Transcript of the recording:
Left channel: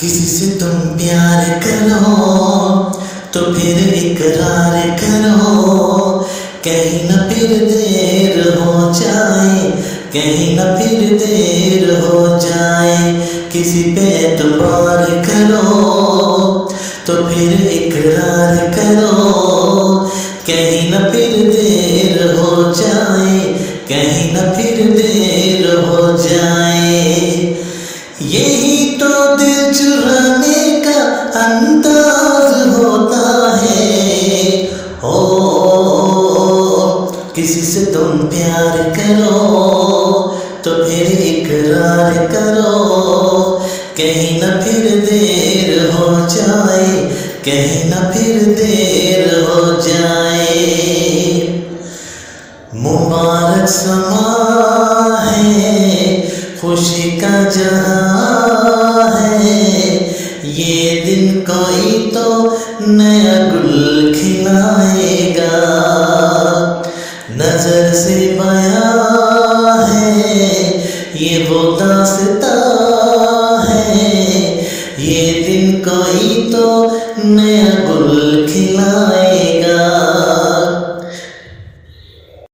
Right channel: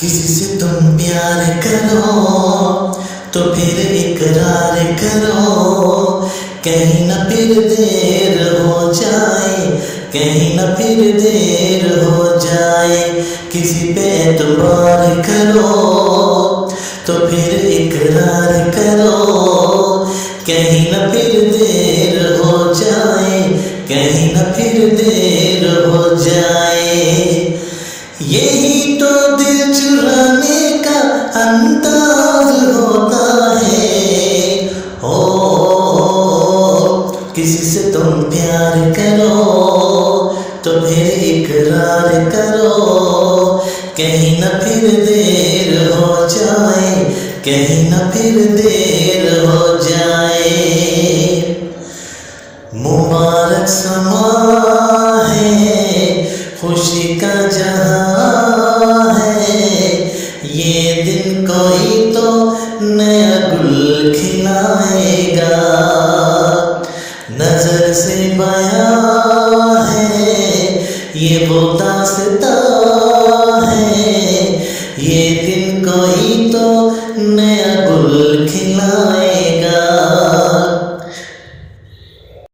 किसी से तुम प्यार करो तो फिर इकरार करो, कहीं न फिर देर हो जाए, कहीं न फिर देर हो जाए। किसी पे एतबार करो तो फिर इकरार करो, कहीं न फिर देर हो जाए, कहीं न फिर देर हो जाए। यही तो दिल चुराने का अंदाज होता है। हो किसी से तुम प्यार करो तो फिर इकरार करो, कहीं न फिर देर हो जाए, कहीं न फिर देर हो जाए। मुबारक समा है, खुशी का जहां है, ये दिन कोई तो नया गुल खिलाएगा। नजर से बयां है ये वो दास्तां है, ये दिन कोई तो नया गुल खिलाएगा।